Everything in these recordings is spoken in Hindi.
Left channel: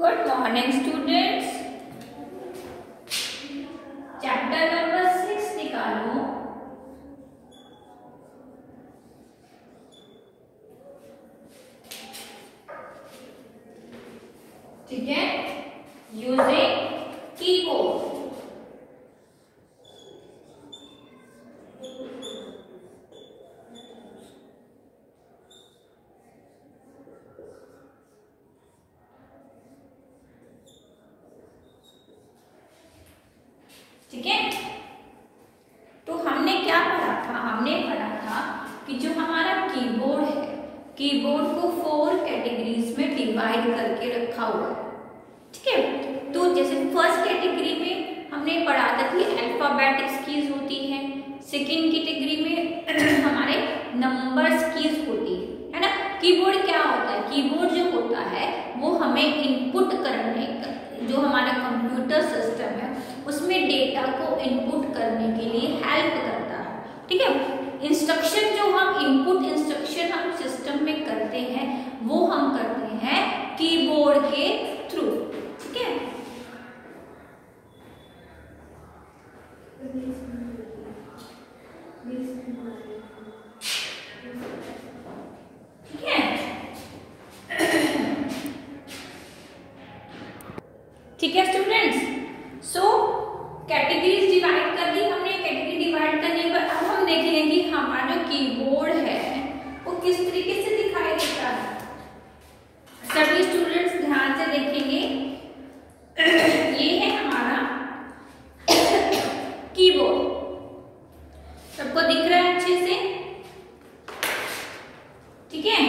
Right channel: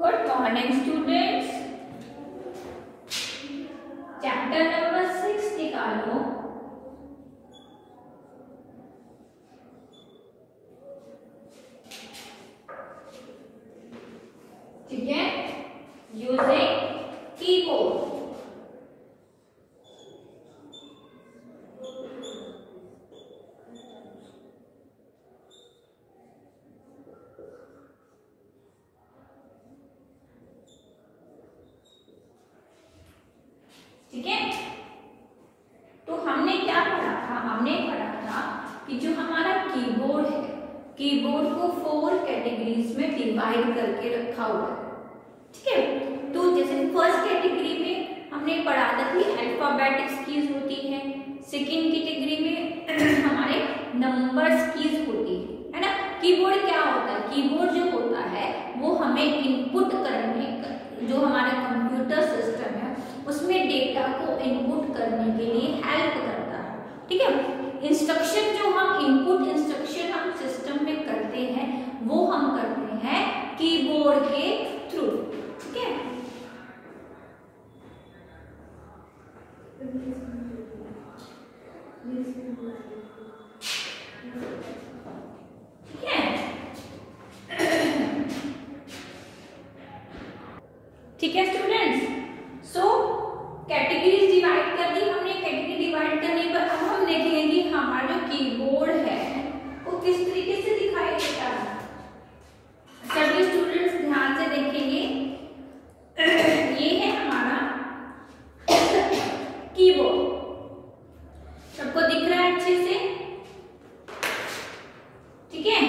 Good morning students. Chapter number 6 निकालो। ठीक है, यूजिंग कीबोर्ड। ठीक है, तो हमने क्या पढ़ा था? हमने पढ़ा था कि जो हमारा कीबोर्ड है, कीबोर्ड को 4 कैटेगरीज में डिवाइड करके रखा हुआ है। ठीक है, तो जैसे फर्स्ट कैटेगरी में हमने पढ़ा था कि अल्फाबेटिक्स कीज होती है, सेकेंड कैटेगरी में हमारे नंबर्स कीज होती है ना। कीबोर्ड क्या होता है? कीबोर्ड जो होता है वो हमें इनपुट करने का, जो हमारा कंप्यूटर सिस्टम है उसमें डेटा को इनपुट करने के लिए हेल्प करता है। ठीक है, इंस्ट्रक्शन जो हम इनपुट इंस्ट्रक्शन हम सिस्टम में करते हैं वो हम करते हैं कीबोर्ड के थ्रू। ठीक है, ठीक है, ठीक है स्टूडेंट्स। सो कैटेगरीज डिवाइड कर दी हमने। कैटेगरी डिवाइड करने पर अब हम देखेंगे कि हमारा जो कीबोर्ड है वो किस तरीके से दिखाई देता है। सभी स्टूडेंट्स ध्यान से देखेंगे। ये है हमारा कीबोर्ड, सबको दिख रहा है अच्छे से? ठीक है,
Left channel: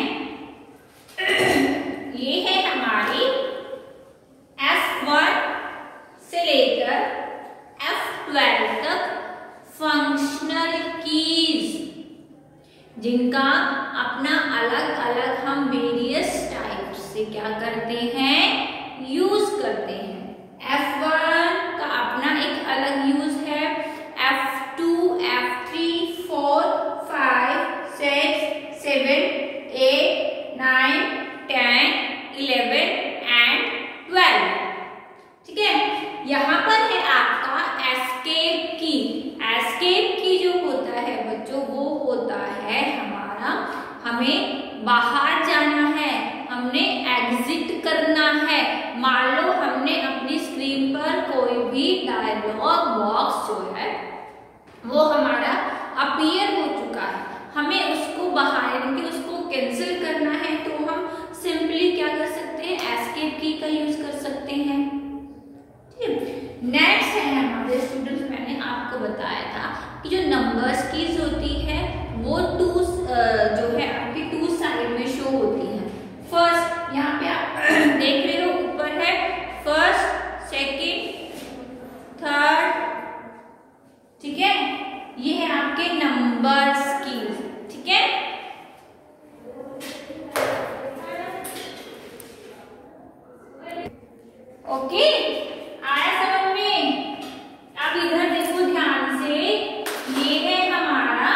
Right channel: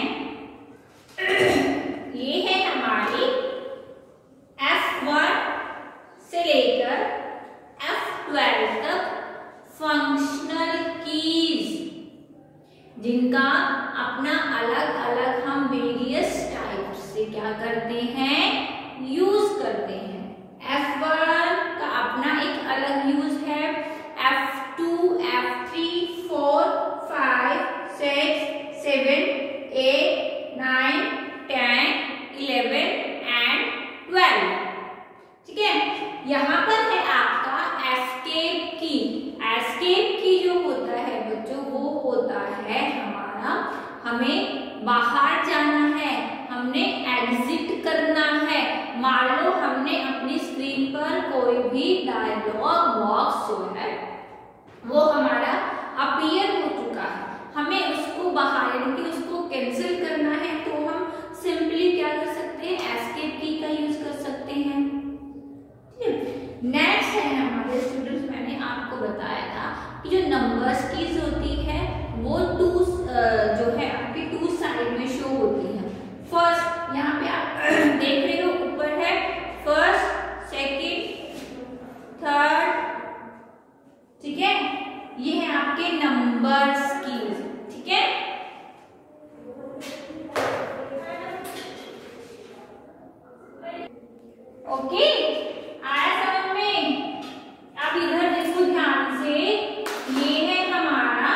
ये है हमारी F1 से लेकर F12 तक फंक्शनल कीज, जिनका अपना अलग अलग हम वेरियस टाइप से क्या करते हैं, यूज करते हैं। F1 का अपना एक अलग यूज है, F2, F3, 4, 5, 6, 7, 8, 9, 10, 11 एंड 12। ठीक है, यहाँ पर है आपका एस्केप की। एस्केप की जो होता है बच्चों, वो होता है हमारा, हमें बाहर जाना है, हमने एग्जिट करना है। मान लो हमने अपनी स्क्रीन पर कोई भी डायलॉग बॉक्स जो है वो हमारा अपीयर हो चुका है, हमें उसको बाहर यानी उसको कैंसिल करना है, तो हम सिंपली क्या कर सकते हैं, एस्केप की का यूज कर सकते हैं। नेक्स्ट है हमारे स्टूडेंट्स, मैंने आपको बताया था कि जो नंबर्स कीज होती है वो जो है आपकी 2 साइड में शो होती है। फर्स्ट यहाँ पे आप देख रहे हो, ऊपर है फर्स्ट, सेकंड, थर्ड। ठीक है, ये है आपके नंबर्स कीज। ठीक है, ओके, आया समझ में? अब इधर देखो ध्यान से, ये है हमारा,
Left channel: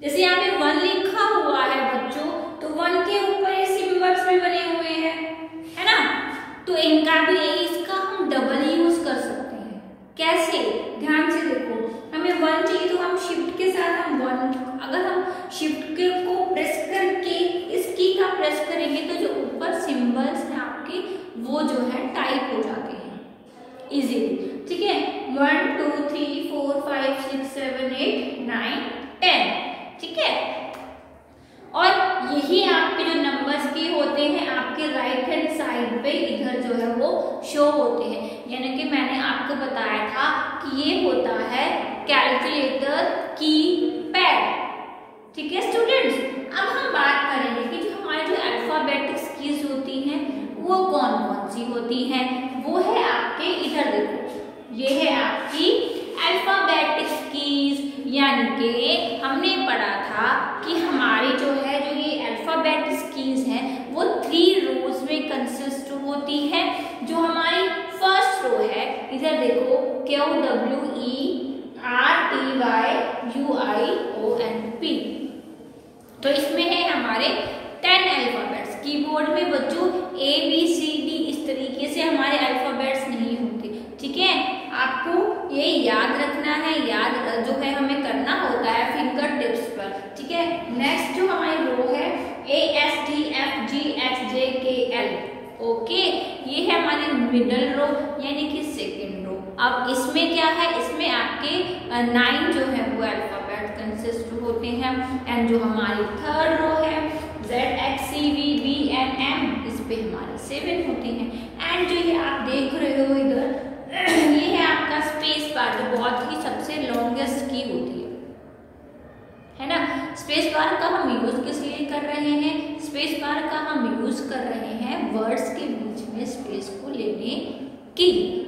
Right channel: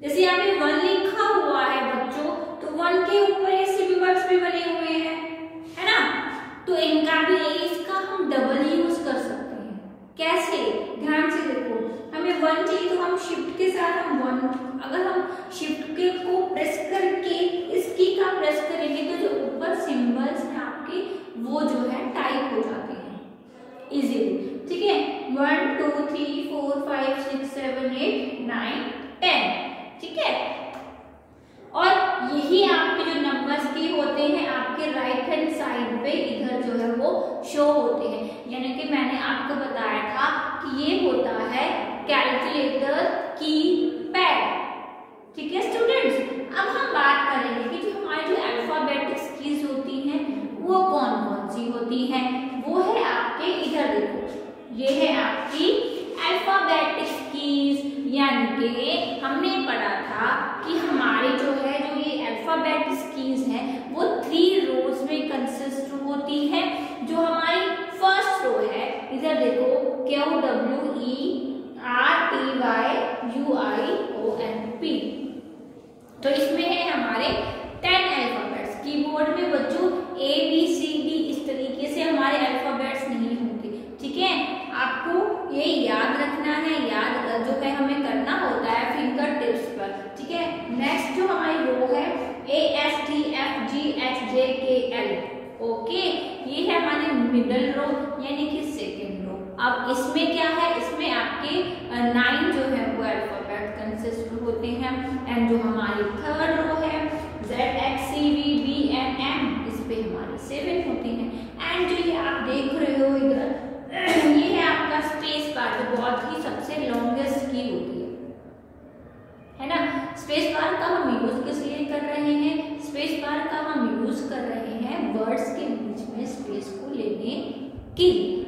जैसे यहाँ पे 1 लिखा हुआ है बच्चों, तो 1 के ऊपर ये सिंबल्स भी बने हुए हैं, है ना। तो इनका भी इसका हम डबल यूज कर सकते हैं। कैसे? ध्यान से देखो, हमें 1 चाहिए तो हम शिफ्ट के साथ हम 1, अगर हम शिफ्ट के को प्रेस करके इस की का प्रेस करेंगे तो जो ऊपर सिंबल्स हैं आपके वो जो है टाइप हो जाते हैं इजीली। ठीक है, 1 2 3 4 5 6 7 8 9 10। ठीक है, और यही आपके जो नंबर्स के होते हैं आपके राइट हैंड साइड पे इधर जो है वो शो होते हैं। यानी कि मैंने आपको बताया था कि ये होता है कैलकुलेटर की पैड। ठीक है स्टूडेंट्स, अब हम बात करेंगे कि जो हमारी जो अल्फाबेटिक्स कीज होती हैं वो कौन कौन सी होती हैं। वो है आपके, इधर देखो, ये है आपकी अल्फाबेटिक्स कीज। यानी कि हमने पढ़ा था कि हमारी जो है जो ये अल्फाबेटिक्स कीज हैं वो 3 रोज में कंसिस्ट होती है। जो हमारी फर्स्ट रो है, इधर देखो, QWERTYUIONP। तो इसमें है हमारे 10 अल्फाबेट्स। कीबोर्ड में बच्चों ABCD ओके, ये है हमारी मिडल रो यानी कि सेकेंड रो। अब इसमें क्या है, इसमें आपके 9 जो है वो अल्फाबेट कंसिस्ट होते हैं। एंड जो हमारी थर्ड रो है ZXCVBNM, इस पे हमारे 7 होते हैं। एंड जो ये आप देख रहे हो इधर ये है आपका स्पेस बार, जो बहुत ही सबसे लॉन्गेस्ट की होती है ना। स्पेस बार का हम यूज किस लिए कर रहे हैं, स्पेस बार का हम यूज कर रहे हैं वर्ड्स के बीच में स्पेस को लेने के लिए।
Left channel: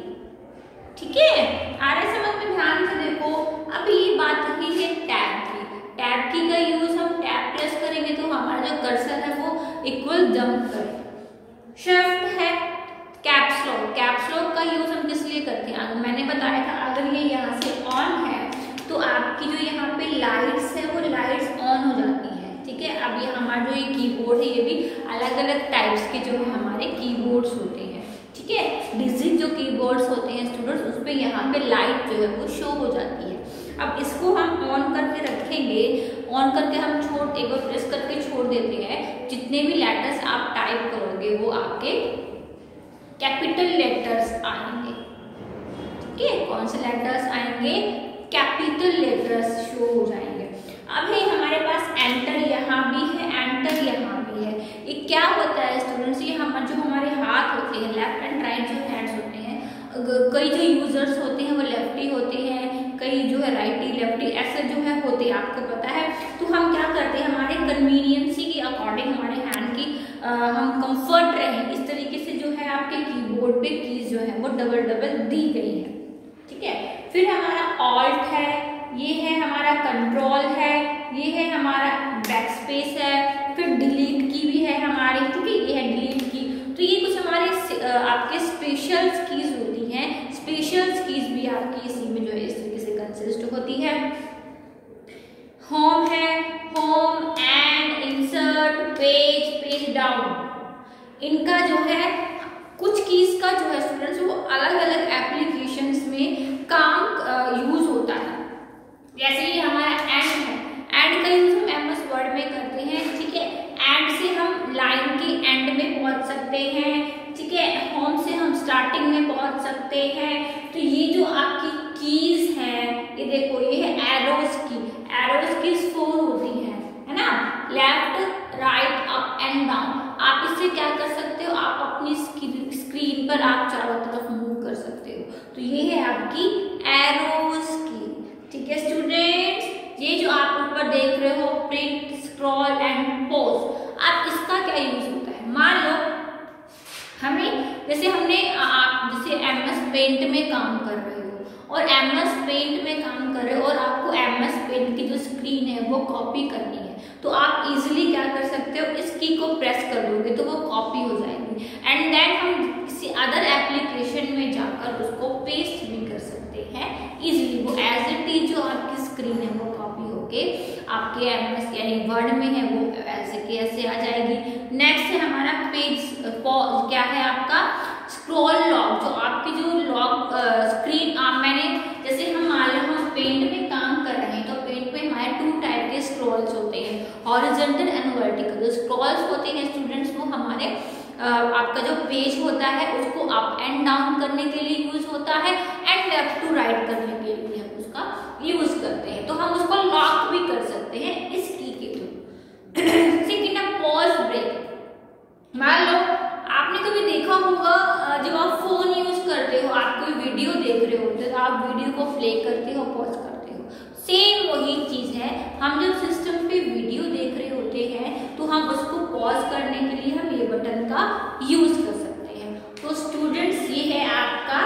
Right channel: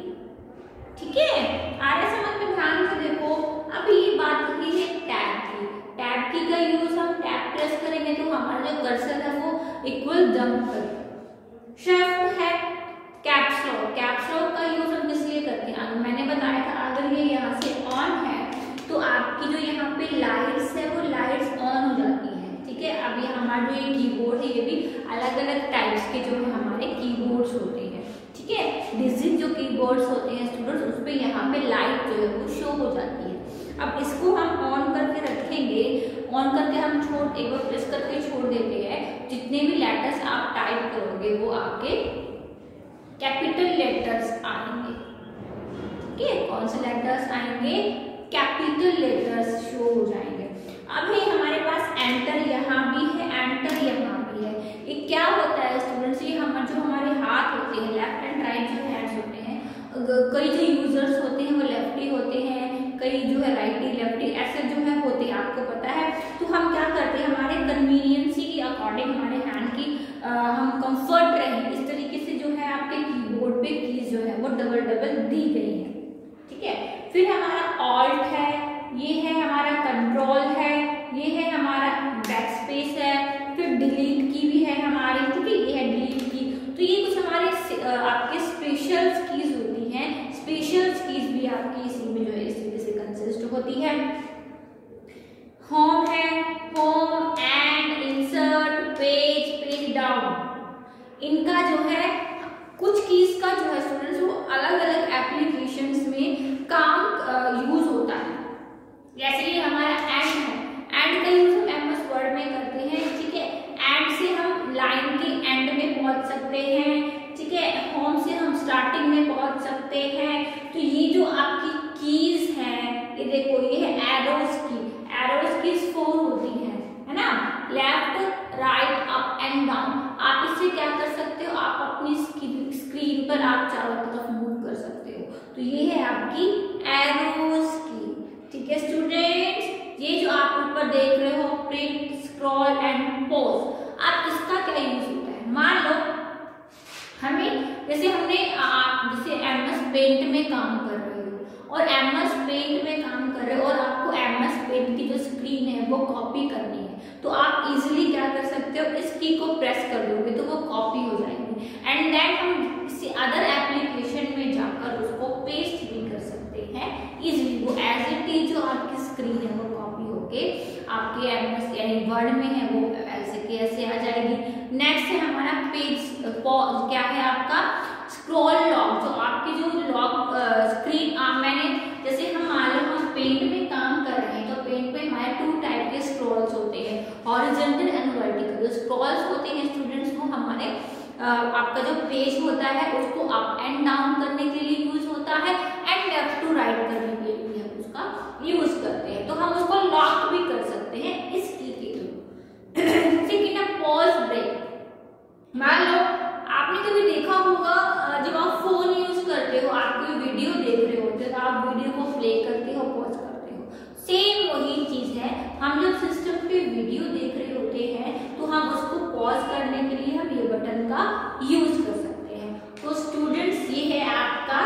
ठीक है, आ रहे समझ में, ध्यान से देखो। अब ये बात होती है टैब की। टैब की का यूज हम टैब प्रेस करेंगे तो हमारा जो कर्सर है वो इक्वल जंप करेगा। शिफ्ट है कैप्स लॉक, कैप्स लॉक का यूज हम किस लिए करते हैं, मैंने बताया था अगर ये यहाँ से ऑन है तो आपकी जो यहाँ पे लाइट्स है वो लाइट्स ऑन हो जाती है। ठीक है, अब ये हमारा जो ये कीबोर्ड है ये भी अलग अलग टाइप्स के जो है हमारे कीबोर्ड्स होते हैं। ठीक है, डिजिट जो कीबोर्ड्स होते हैं स्टूडेंट्स, उस पे यहाँ पे लाइट जो है वो शो हो जाती है। अब इसको हम ऑन करके रखेंगे, ऑन करके हम एक बार प्रेस करके छोड़ देते हैं। जितने भी लेटर्स आप टाइप करोगे वो आपके कैपिटल लेटर्स आएंगे। ठीक है, कौन से लेटर्स आएंगे, कैपिटल लेटर्स शो हो जाएंगे। अब ये हमारे पास एंटर यहाँ भी है, एंटर यहाँ भी है। ये क्या होता है स्टूडेंट्स, ये जो हमारे हाथ होते हैं, लेफ्ट एंड राइट जो हैंड्स होते हैं, कई जो यूजर्स होते हैं वो लेफ्टी होते हैं, कई जो है राइटी लेफ्टी ऐसे जो है होते हैं, आपको पता है। तो हम क्या करते हैं, हमारे कन्वीनियंसी के अकॉर्डिंग हमारे हैंड की हम कंफर्ट रहे इस तरीके से जो है आपके कीबोर्ड पे कीज जो है वो डबल डबल दी गई है। ठीक है, फिर हमारा ऑल्ट है, ये है हमारा कंट्रोल है, ये है हमारा बैकस्पेस है, फिर डिलीट की भी है हमारी, ठीक है, ये है डिलीट की। तो ये कुछ हमारे आपके स्पेशल कीज होती हैं, स्पेशल कीज भी आपकी इसी में जो है इस तरीके से कंसिस्ट होती है। होम है, home and insert page, page down, इनका जो है कुछ कीज का जो है स्टूडेंट्स वो अलग अलग एप्लीकेशंस में काम यूज होता है। जैसे ये हमारा एंड है, एंड का यूज हम एमएस वर्ड में करते हैं। ठीक है, एंड से हम लाइन के एंड में पहुंच सकते हैं। ठीक है, होम से हम स्टार्टिंग में पहुंच सकते हैं। तो ये जो आपकी कीज हैं, ये देखो ये है एरोज की, एरोज की 4 होती है ना, left right up and down. आप इससे क्या कर सकते हो, आप अपनी स्क्रीन पर आप चारों तरफ मूव कर सकते हो। तो ये है आपकी एरोज की। ठीक है स्टूडेंट्स, ये जो आप ऊपर देख रहे हो प्रिंट, स्क्रॉल एंड पॉज, आप इसका क्या यूज होता है, मान लो हमें जैसे आप जैसे एमएस पेंट में काम कर रहे हो और एमएस पेंट में काम कर रहे हो और आपको एमएस पेंट की जो स्क्रीन है वो कॉपी करनी है, तो आप इजीली क्या कर सकते हो, इस की को प्रेस कर दोगे तो वो कॉपी हो जाएगी। एंड देन हम किसी अदर एप्लीकेशन में जाकर उसको पेस्ट भी कर सकते हैं इजीली। वो एज इट इज जो आपकी स्क्रीन है वो कॉपी होके आपके एमएस यानी वर्ड में है वो ऐसे के ऐसे आ जाएगी। नेक्स्ट है हमारा पेज क्या है आपका स्क्रॉल लॉक, जो आपकी जो लॉक स्क्रीन मैंने जैसे हम मान लो हम पेंट में काम कर रहे हैं तो पेंट में हमारे 2 टाइप के स्क्रॉल्स होते हैं, हॉरिजॉन्टल एंड वर्टिकल। जो स्क्रॉल्स होते हैं स्टूडेंट्स वो हमारे आपका जो पेज होता है उसको अप एंड डाउन करने के लिए यूज होता है एंड लेफ्ट टू राइट करने के लिए हम उसका यूज करते हैं। तो हम उसको लॉक भी कर सकते हैं इस की के थ्रू। सेकंड है पॉज ब्रेक। मान लो आपने कभी देखा होगा जब आप फोन यूज करते हो, आप कोई वीडियो देख रहे होते हो तो आप वीडियो को प्ले करते हो, पॉज करते हो, सेम वही चीज है। हम जब सिस्टम पे वीडियो देख रहे होते हैं तो हम उसको पॉज करने के लिए हम ये बटन का यूज कर सकते हैं। तो स्टूडेंट्स ये है आपका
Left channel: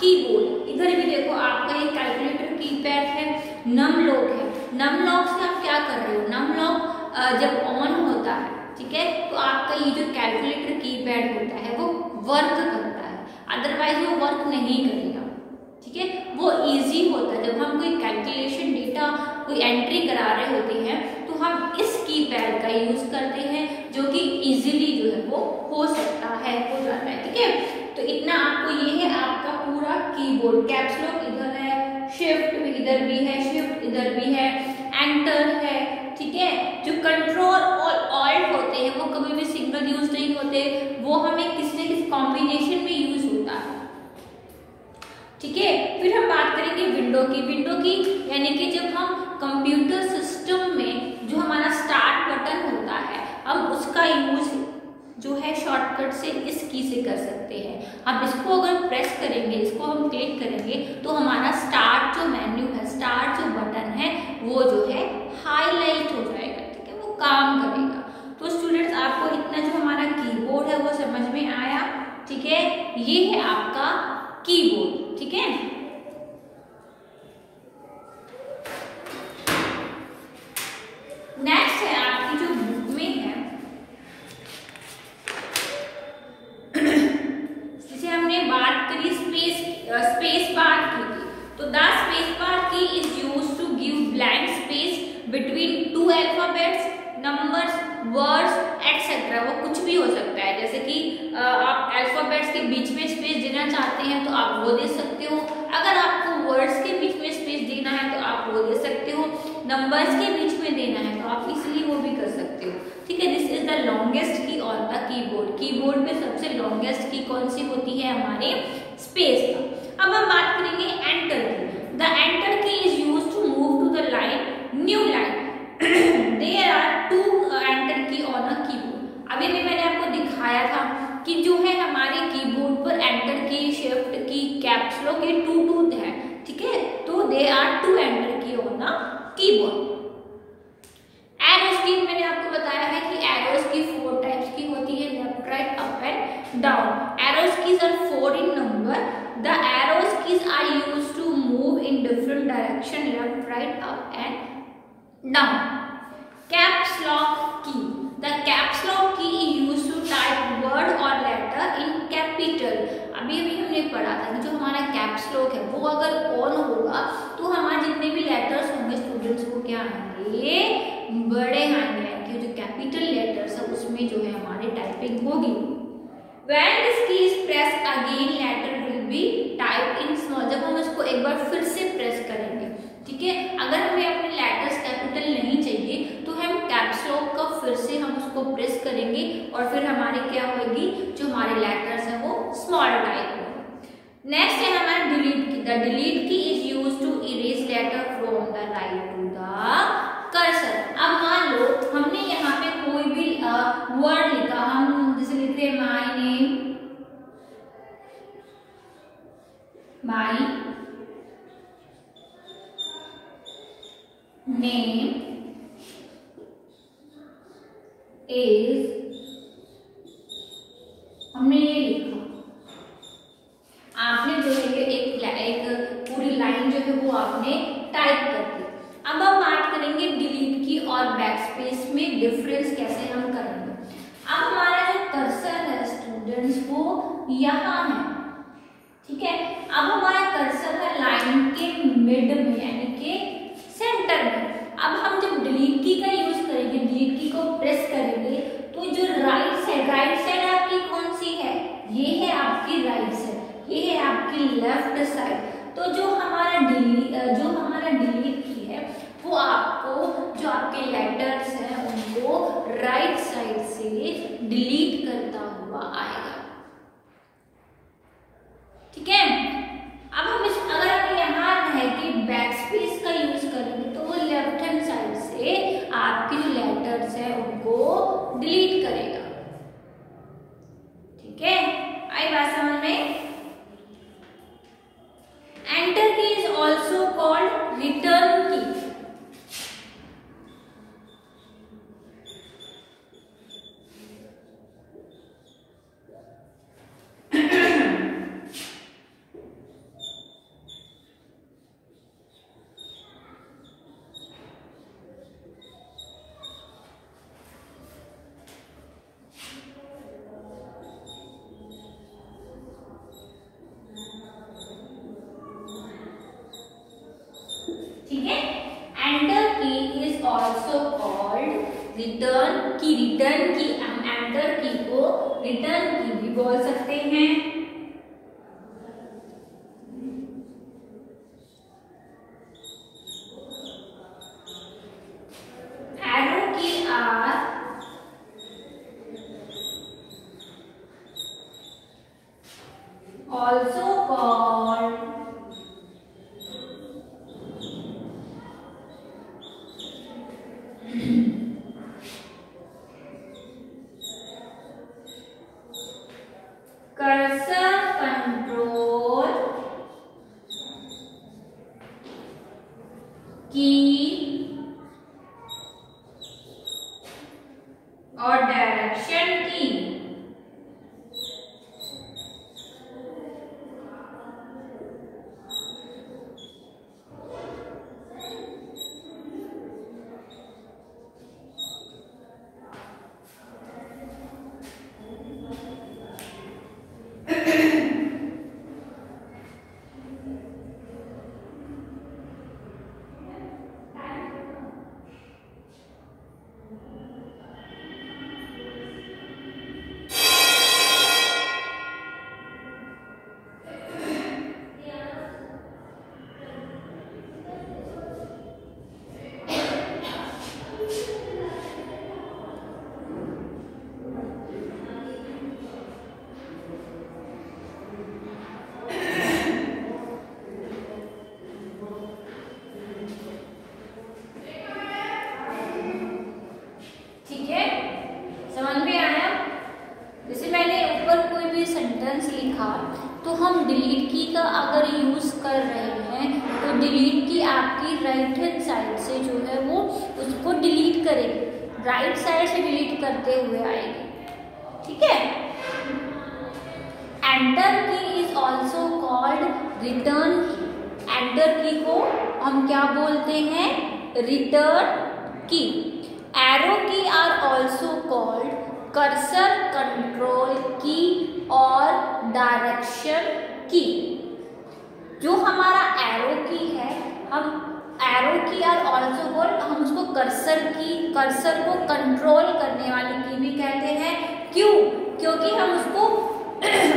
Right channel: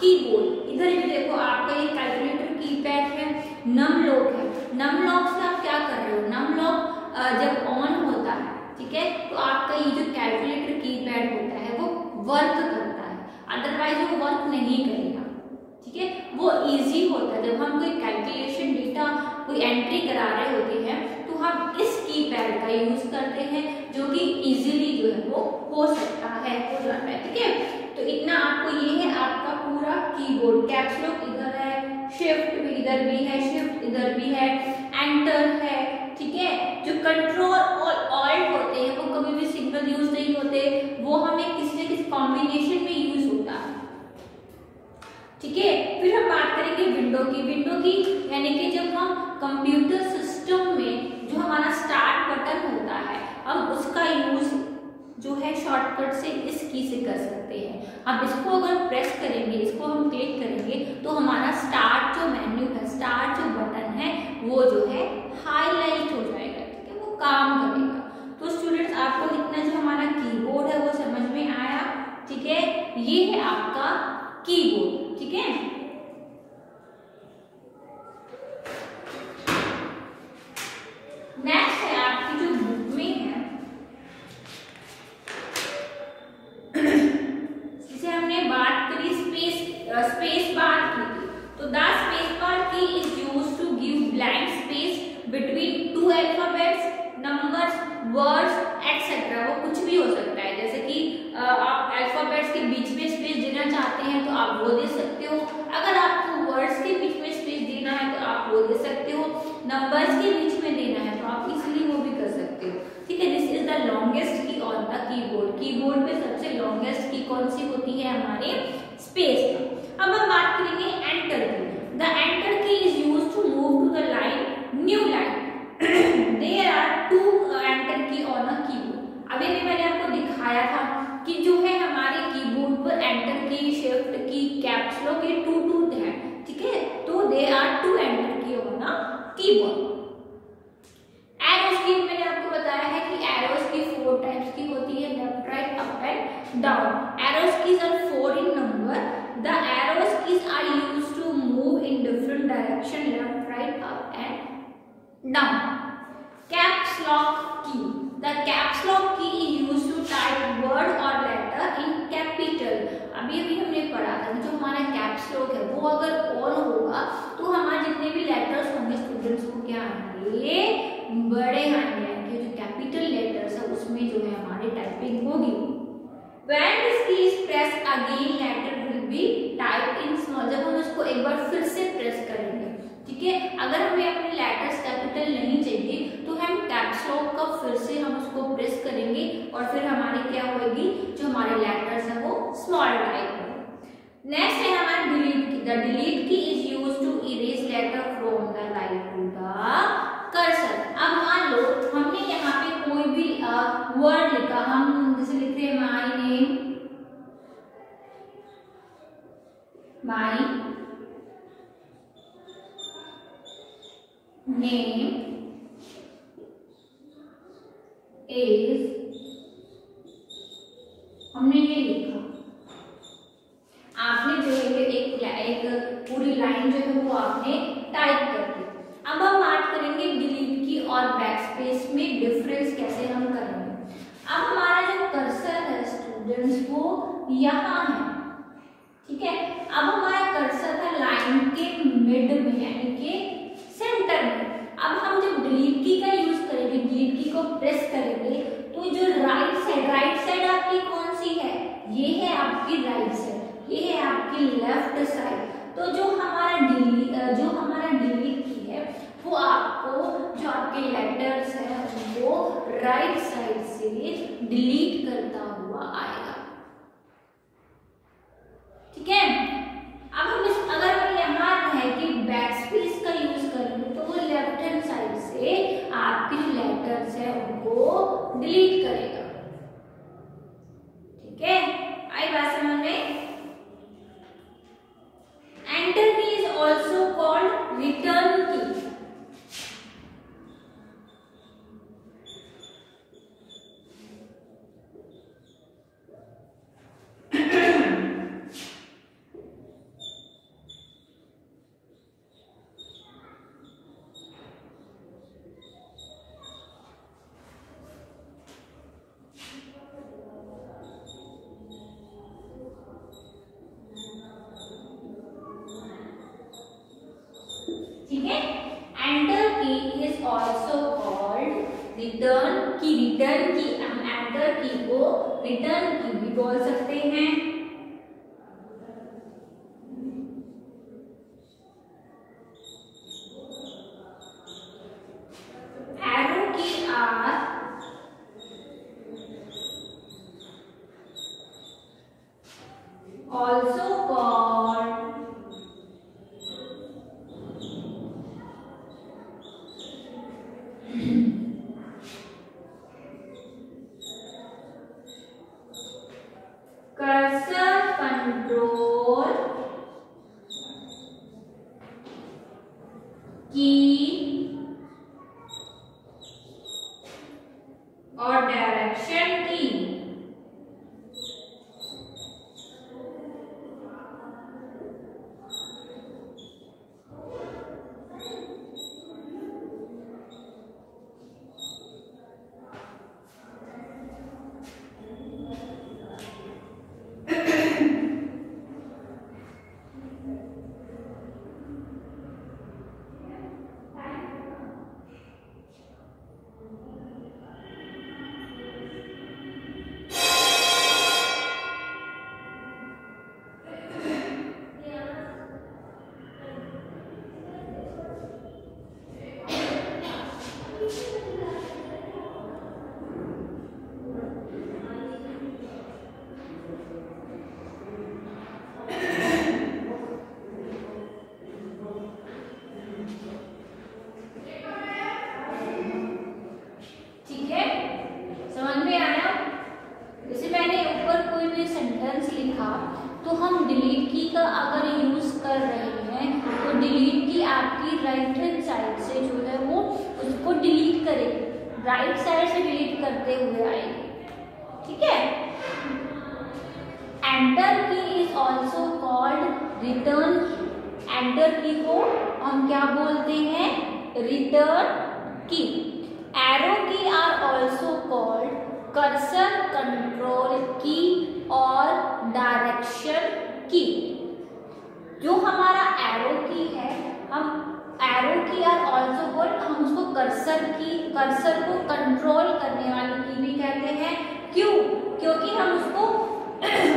कीबोर्ड। इधर भी देखो आपका ये कैलकुलेटर कीपैड है, नम लॉक है। नम लॉक से आप क्या कर रहे हो, नम लॉक जब ऑन होता है ठीक है तो आपका ये जो कैलकुलेटर कीपैड होता है वो वर्क करता है, अदरवाइज वो वर्क नहीं करेगा। ठीक है, वो इजी होता है। जब हम कोई कैलकुलेशन डेटा कोई एंट्री करा रहे होते हैं तो हम इस कीपैड का यूज करते हैं जो कि इजीली जो है वो हो सकता है, हो जाता है। ठीक है, तो इतना आपको ये है आपका पूरा कीबोर्ड। कैप्स लॉक इधर है, शिफ्ट इधर भी है, शिफ्ट इधर भी है, एंटर है। ठीक है, जो कंट्रोल और ऑल्ट होते हैं वो कभी भी सिंगल यूज नहीं होते, वो हमें किसी ठीक है। फिर हम बात करेंगे विंडो की। विंडो की यानी कि जब हम कंप्यूटर सिस्टम में जो हमारा स्टार्ट बटन होता है, हम उसका यूज जो है शॉर्टकट से इस की से कर सकते हैं। अब इसको अगर प्रेस करेंगे, इसको हम क्लिक करेंगे तो हमारा स्टार्ट जो मेन्यू है, स्टार्ट जो बटन है वो जो है हाईलाइट हो जाएगा, ठीक है, वो काम करेगा। तो स्टूडेंट्स आपको इतना जो हमारा कीबोर्ड है वो समझ में आया, ठीक है। ये है आपका कीबोर्ड, ठीक है। नेक्स्ट है आपकी जो बुक में है, जिसे हमने बात करी स्पेस बार की थी। तो the space bar key is used to give blank space between two alphabets, numbers, words etcetera. वो कुछ भी हो सकता है, जैसे कि आप अल्फाबेट्स के बीच में स्पेस देना चाहते हैं तो आप वो दे सकते हो। अगर आपको वर्ड्स के बीच में स्पेस देना है तो आप वो दे सकते हो। नंबर्स के बीच में देना है तो आप इजीली वो भी कर सकते हो, ठीक है। This is the longest key on the keyboard. Keyboard में सबसे लॉन्गेस्ट की कौन सी होती है? हमारे स्पेस का। अब हम बात करेंगे एंटर की। The enter key is used to move to the line new line. There are two enter key on a keyboard. अभी भी मैंने आपको दिखाया था कि जो है हमारे कीबोर्ड पर एंटर की, शिफ्ट की, कैप्स लॉक के टू है, ठीक है। तो they are two enter key on a keyboard. Arrows की मैंने आपको बताया है कि एरोस की 4 टाइप्स की होती है, left, right, up and down. Arrows keys are 4 in number. The arrows keys are used to move in different direction, left, right, up and down. Caps lock key. The caps lock key is used to type word or letter in capital. अभी हमने पढ़ा था कि जो हमारा कैप्स लॉक है वो अगर ऑन होगा तो हमारे जितने भी लेटर्स होंगे स्टूडेंट्स को क्या आएंगे? बड़े आएंगे। जो कैपिटल लेटर्स है उसमें जो है हमारी टाइपिंग होगी। When this key is pressed again, letter will be typed in small. जब हम इसको एक बार फिर से प्रेस करेंगे, ठीक है, अगर हमें अपने लेटर्स कैपिटल नहीं चाहिए तो हम कैप्स लॉक का फिर से हम उसको प्रेस करेंगे और फिर हमारी क्या होगी? जो हमारे लेटर्स है वो स्मॉल टाइप होंगे। नेक्स्ट है हमारा delete key. The delete key is used to erase letter from the right to the cursor. अब मान लो हमने यहाँ पे कोई भी वर्ड लिखा, हम जैसे लिखते हैं my name, my name is, हमने ये लिखा, आपने जो है एक पूरी लाइन जो है वो आपने टाइप कर दी। अब हम बात करेंगे डिलीट की और बैकस्पेस में डिफरेंस कैसे हम करेंगे। अब हमारा जो कर्सर है स्टूडेंट्स वो यहाँ है, ठीक है। अब हमारा कर्सर है लाइन के मिड में यानी कि सेंटर में। अब हम जब डिलीट की का यूज करेंगे, डिलीट की को प्रेस करेंगे तो जो राइट साइड आपकी कौन सी है? ये है आपकी राइट साइड, ये है आपकी लेफ्ट साइड। तो जो हमारा डिलीट की है वो आपको जो आपके लेटर्स हैं उनको राइट साइड से डिलीट करता हुआ आएगा, ठीक है। अब हम अगर हमें यहाँ है कि बैकस्पेस का यूज करेंगे तो वो लेफ्ट हैंड साइड से आपके जो लेटर्स हैं उनको डिलीट करेगा, ठीक है। आई बात समझ में? Enter key is also called return की। रिटर्न की हम एंटर की को रिटर्न की भी बोल सकते हैं। Arrow key are also called cursor control key और डायरेक्शन की। तो हम डिलीट की का अगर यूज कर रहे हैं तो डिलीट की आपकी राइट हैंड साइड से जो है वो उसको डिलीट करेगी, राइट साइड से डिलीट करते हुए आएगी, ठीक है। Enter key is also called return की। एंटर की को हम क्या बोलते हैं? Return key. Arrow key are also called cursor control key और डायरेक्शन की। जो हमारा एरो की है, हम arrow key are also called, हम उसको कर्सर की, कर्सर को कंट्रोल करने वाली की भी कहते हैं। क्यों? क्योंकि हम उसको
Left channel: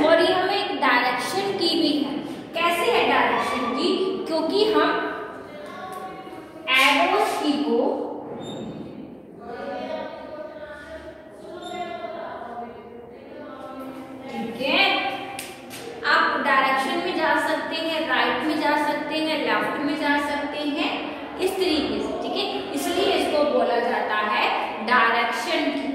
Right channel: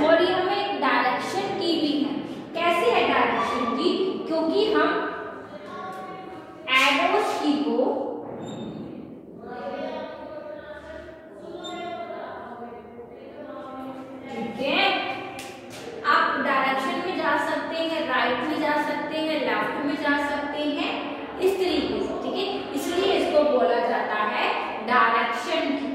और ये हमें एक डायरेक्शन की भी है। कैसे है डायरेक्शन की? क्योंकि हम एरोस की को आप डायरेक्शन में जा सकते हैं, राइट में जा सकते हैं, लेफ्ट में जा सकते हैं, इस तरीके से, ठीक है। इसलिए इसको बोला जाता है डायरेक्शन की।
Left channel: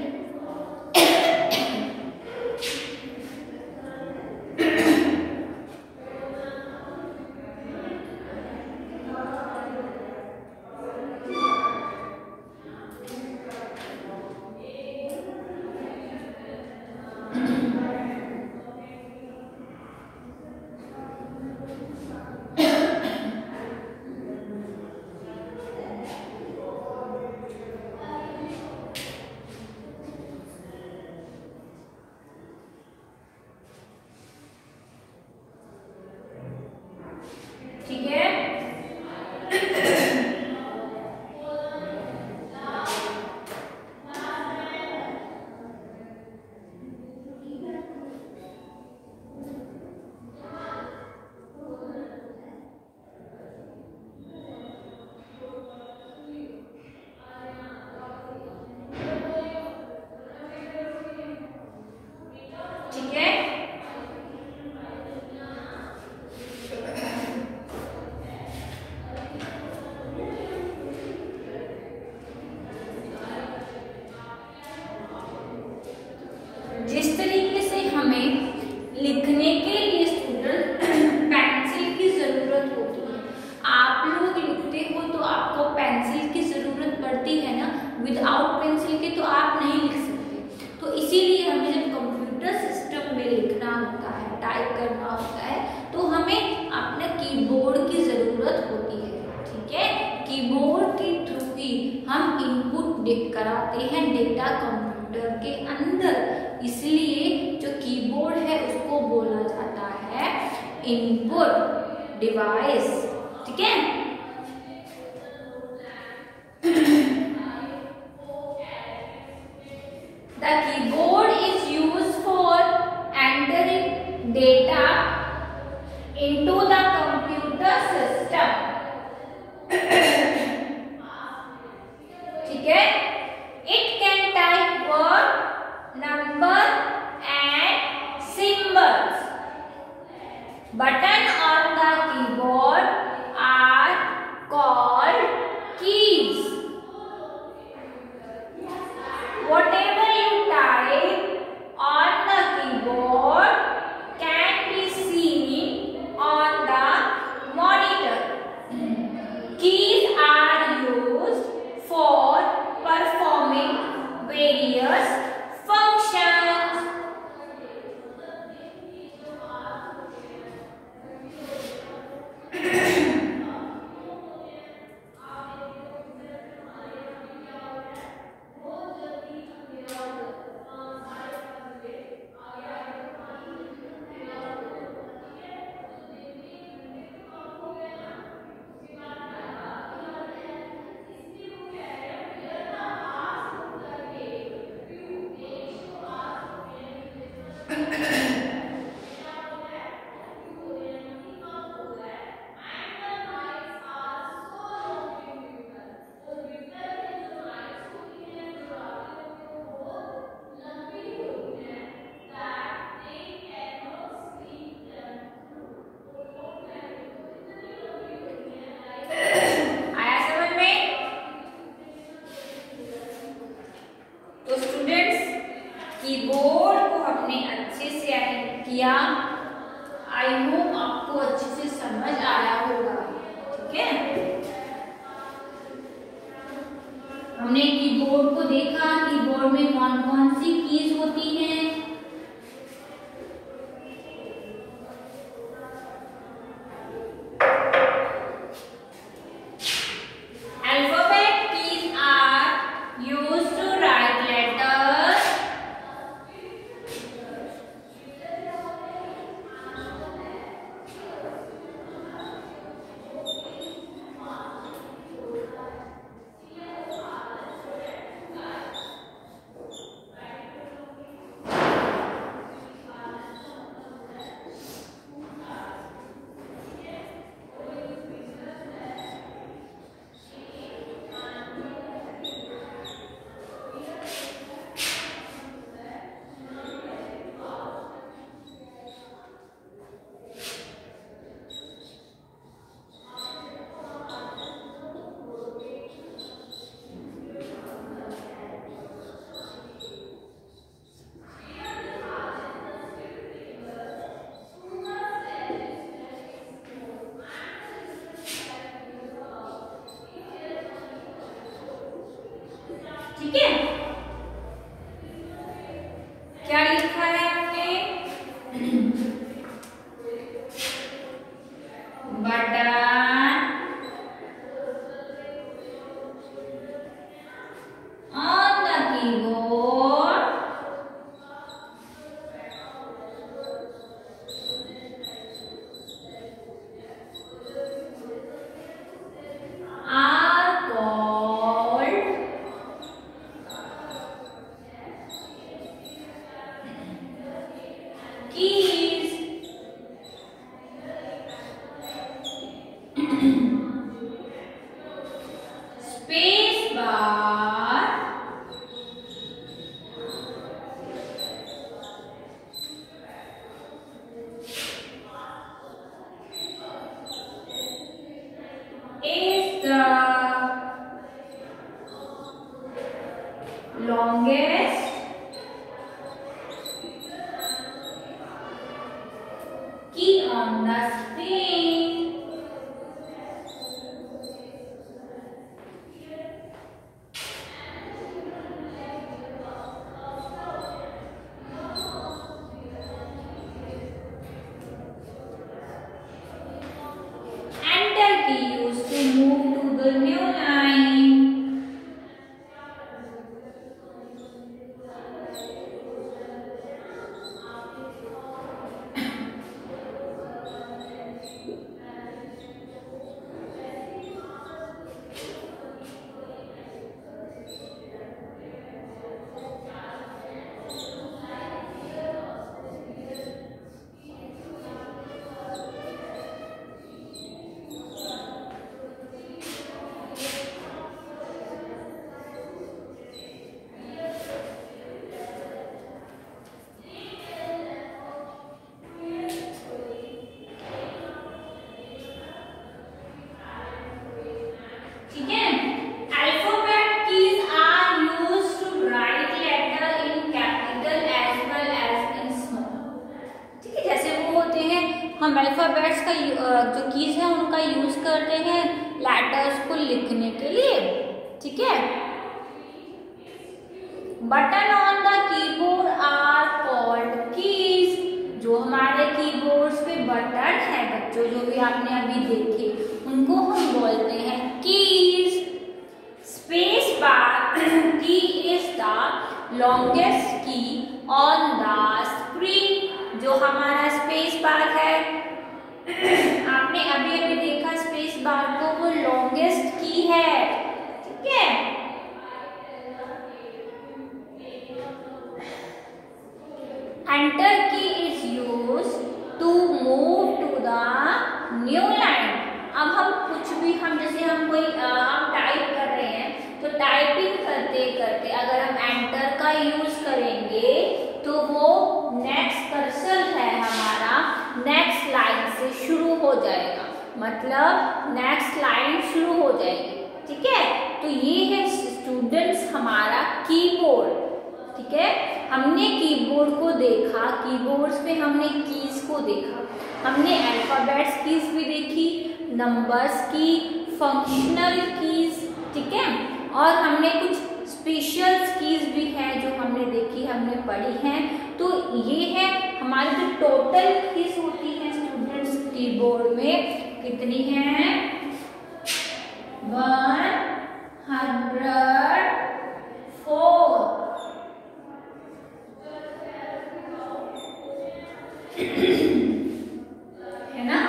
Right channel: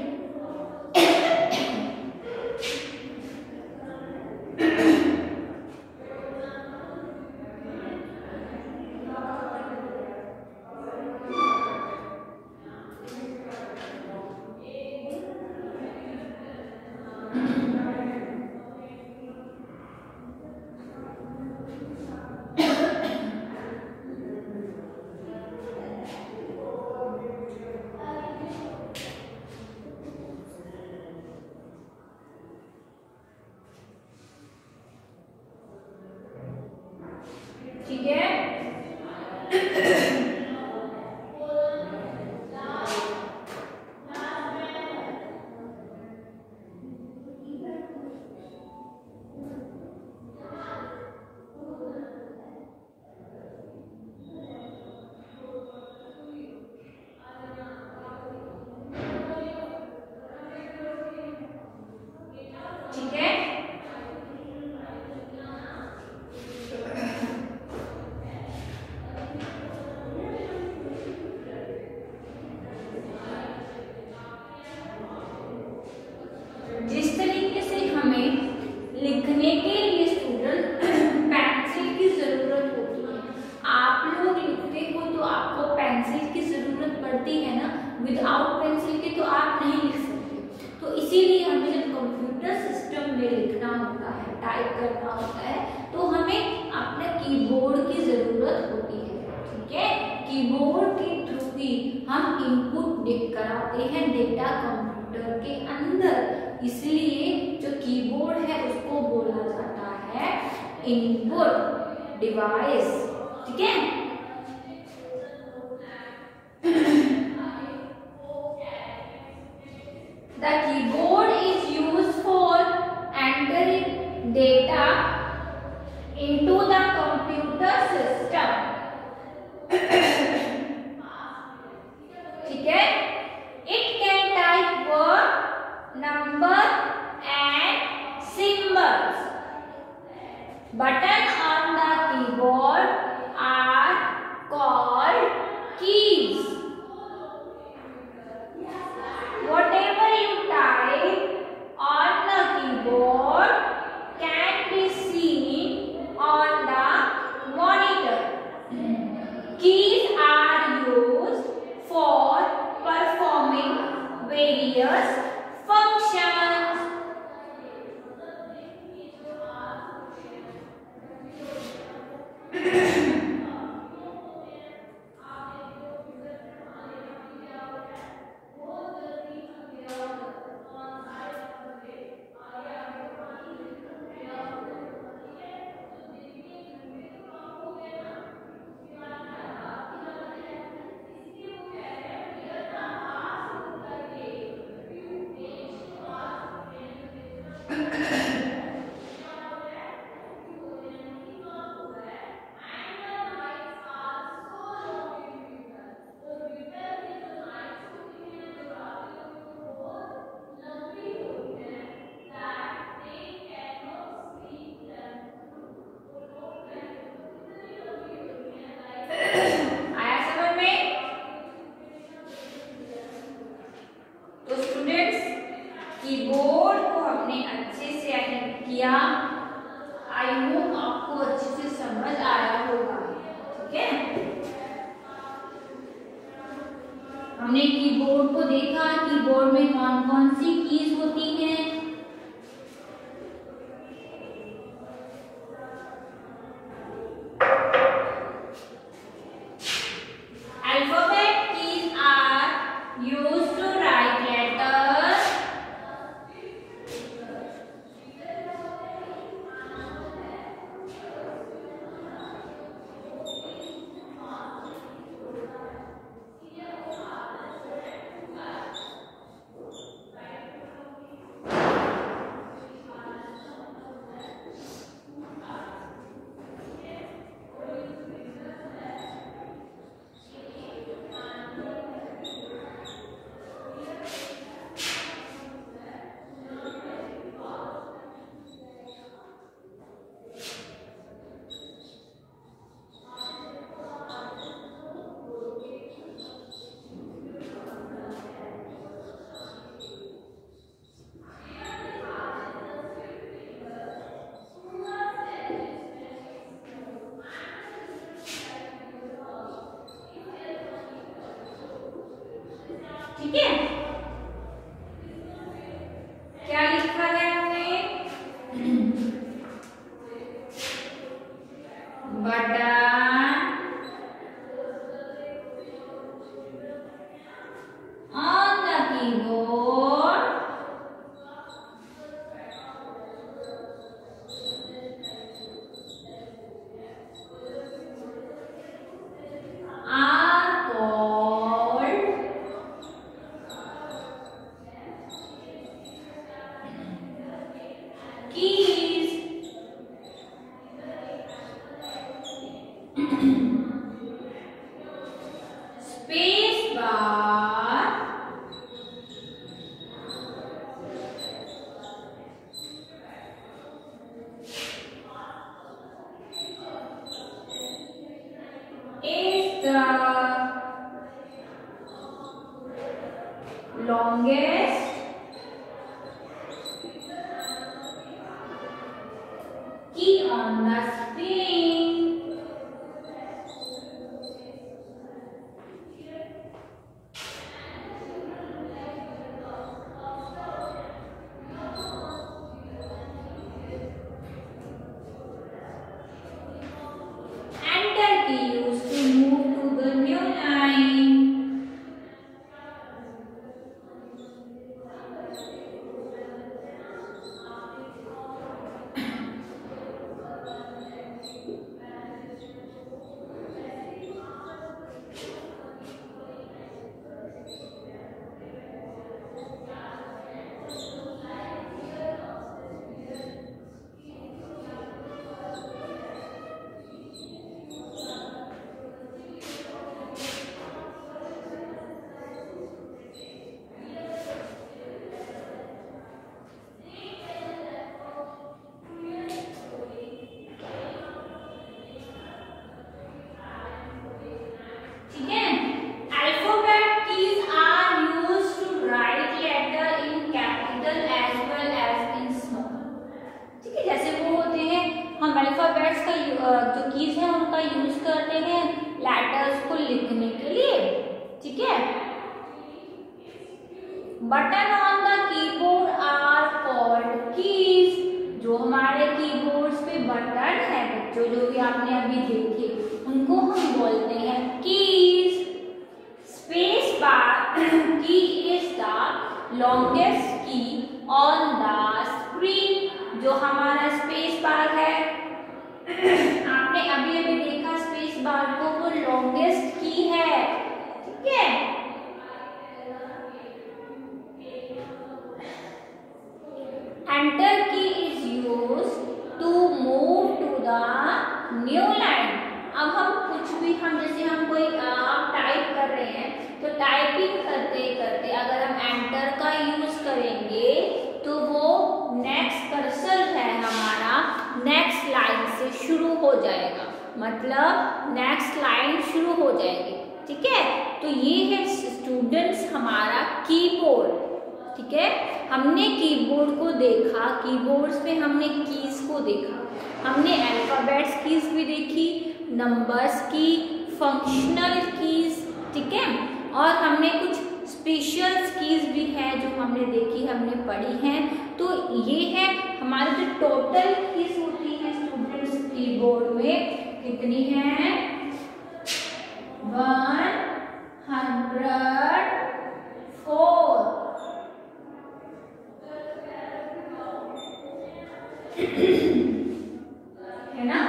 ठीक है। जिस तरीके से हमें लिखने के लिए स्टूडेंट पेंसिल की जरूरत होती है, आप लोग लिखते हो तो आपको पेंसिल की जरूरत पड़ती है ना, विदाउट पेंसिल के तो आप नहीं लिख सकते। तो इसीलिए हमें जब कंप्यूटर सिस्टम में लिखना होता है, टाइप करना होता है, तो हमें अपने कीबोर्ड की जरूरत होती है, ठीक है। कीबोर्ड के थ्रू ही हम इनपुट कराते हैं डेटा कंप्यूटर के अंदर, इसलिए जो कीबोर्ड है उसको बोला जाता है इनपुट डिवाइस, ठीक है। The keyboard is used for entering data into the computer system, ठीक है। It can type word, number and symbols. Button on the keyboard are called keys. Whatever you type on the keyboard किया। आई होप आपको अच्छे से समझ आया होगा। ठीक है, हमने कीबोर्ड को देखा, कीबोर्ड में कौन कौन सी कीज होती हैं। Alphabet keys are used to write letters. ठीक है, क्या लिखा है हमने? Button on the keyboard are called keys. Space bar is the longest key on the screen. Enter key used to move to the new line. ठीक है, alphabet keys are used to write letter in capital as well as in small. ठीक है, जैसे वो होते हैं, हम अल्फाबेट्स का जो कीज है उनका यूज करते हैं लेटर्स को लिखने के लिए। ठीक है, button on the keyboard are called keys. जो हमारे कीबोर्ड्स पे बटन है बच्चों, जो भी आपने अभी देखे, उनको हम बोलते हैं keys. Space bar key is the longest key on the screen. जो हमारा स्पेस बार है, आपने अभी अभी देखा स्पेस बार को, वो लॉन्गेस्ट की है। ठीक है, enter key is use to move to the new line. अब हम कुछ भी, हम जैसे हम कोई आप टाइप कर रहे हैं, तो टाइपिंग करते करते अगर हम एंटर का यूज करेंगे तो वो नेक्स्ट कर्सर है हमारा नेक्स्ट लाइन से शुरू हो जाएगा, मतलब नेक्स्ट लाइन शुरू हो जाएगी। ठीक है, तो ये है स्टूडेंट्स हमारा कीबोर्ड। ठीक है, हमने कीबोर्ड को देखा, कीबोर्ड्स पे हमने कीज को देखा, हमने अल्फाबेट्स कीज भी देखी, नंबर्स की, फंक्शनल कीज, ठीक है, और हमने कुछ स्पेशल कीज भी है जो हमने देखी, हमने पढ़ी हैं। तो ये है हमारी जो टोटल कीज होती है स्टूडेंट्स कीबोर्ड में कितनी है, 104 है ना।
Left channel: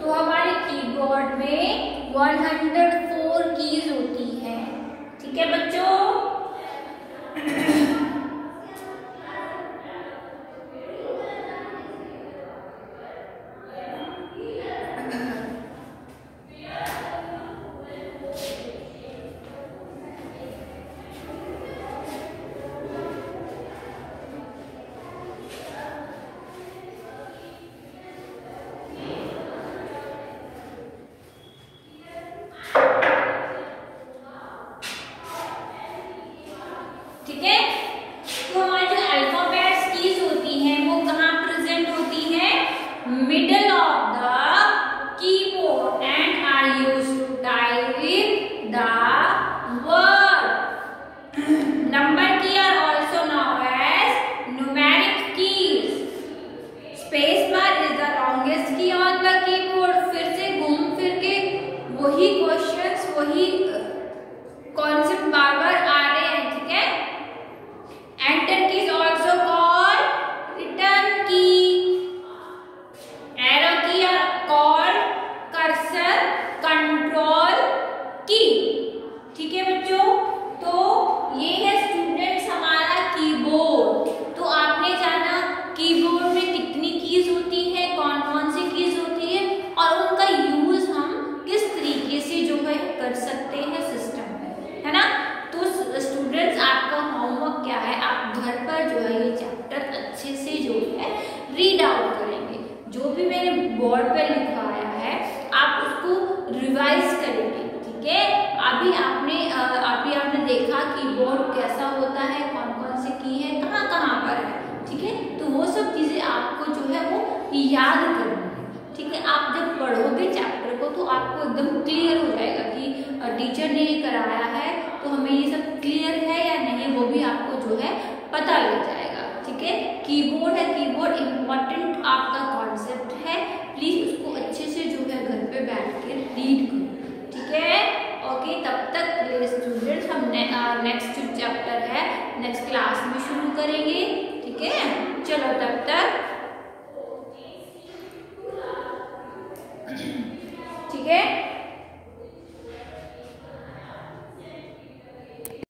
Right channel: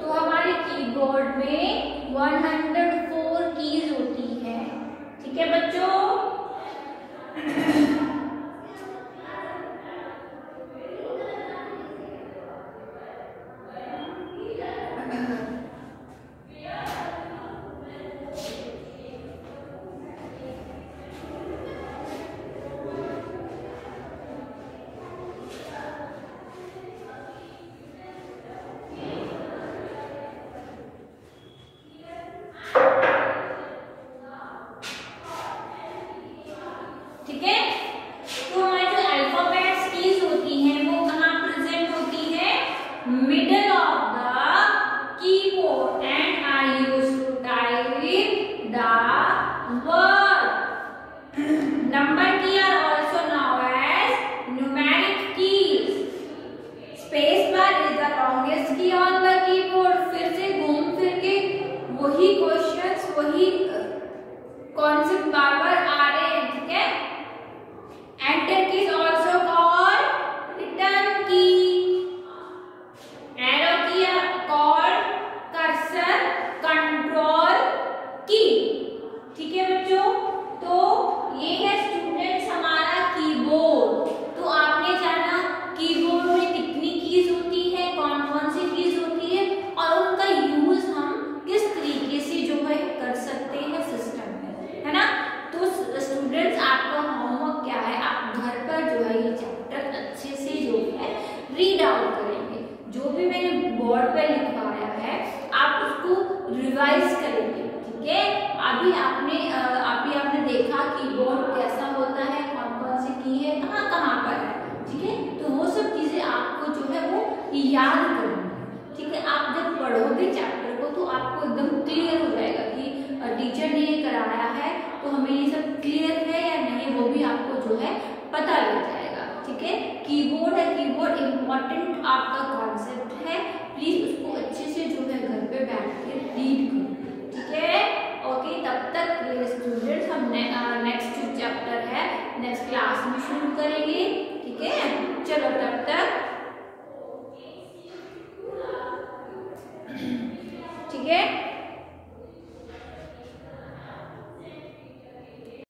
तो हमारे कीबोर्ड में 104 कीज होती है, ठीक है बच्चों। ठीक है, तो हमारी जो अल्फाबेट्स कीज होती हैं वो कहाँ प्रेजेंट होती है, middle of the keyboard, and I used to type the word. Number key are also known as numeric keys. Space bar is the longest key on the keyboard. फिर से घूम फिर के वही क्वेश्चंस, वही कॉन्सेप्ट बार बार आ रहे हैं, ठीक है। Enter key is also called return key. Arrow key are called cursor control key. ठीक है बच्चों, तो ये है स्टूडेंट्स हमारा कीबोर्ड। तो आपने जाना कीबोर्ड में कितनी कीज होती है, कौन कौन सी कीज होती है, और उनका यूज हम किस तरीके से जो है कर सकते हैं सिस्टम में, है ना। तो स्टूडेंट्स आपका होमवर्क क्या है, आप घर पर जो है ये चैप्टर अच्छे से जो है रीड आउट करेंगे। जो भी मैंने बोर्ड पे लिखवाया है आप उसको रिवाइज करेंगे, ठीक है। अभी आपने देखा कीबोर्ड कैसा होता है, कौन कौन से की है, कहाँ कहाँ पर है, ठीक है। तो वो सब चीजें आपको जो है वो याद करनी है, ठीक है। आप जब पढ़ोगे चैप्टर को तो आपको एकदम क्लियर हो जाएगा कि टीचर ने ये कराया है तो हमें ये सब क्लियर है या नहीं, वो भी आपको जो है पता लग जाएगा, ठीक है। कीबोर्ड है, कीबोर्ड इम्पोर्टेंट आपका कॉन्सेप्ट है, प्लीज उसको अच्छे से जो है घर पे बैठ के रीड करो, ठीक है। ओके, तब तक स्टूडेंट्स हम नेक्स्ट जो चैप्टर है नेक्स्ट क्लास में शुरू करेंगे, ठीक है। चलो तब तक, ठीक है।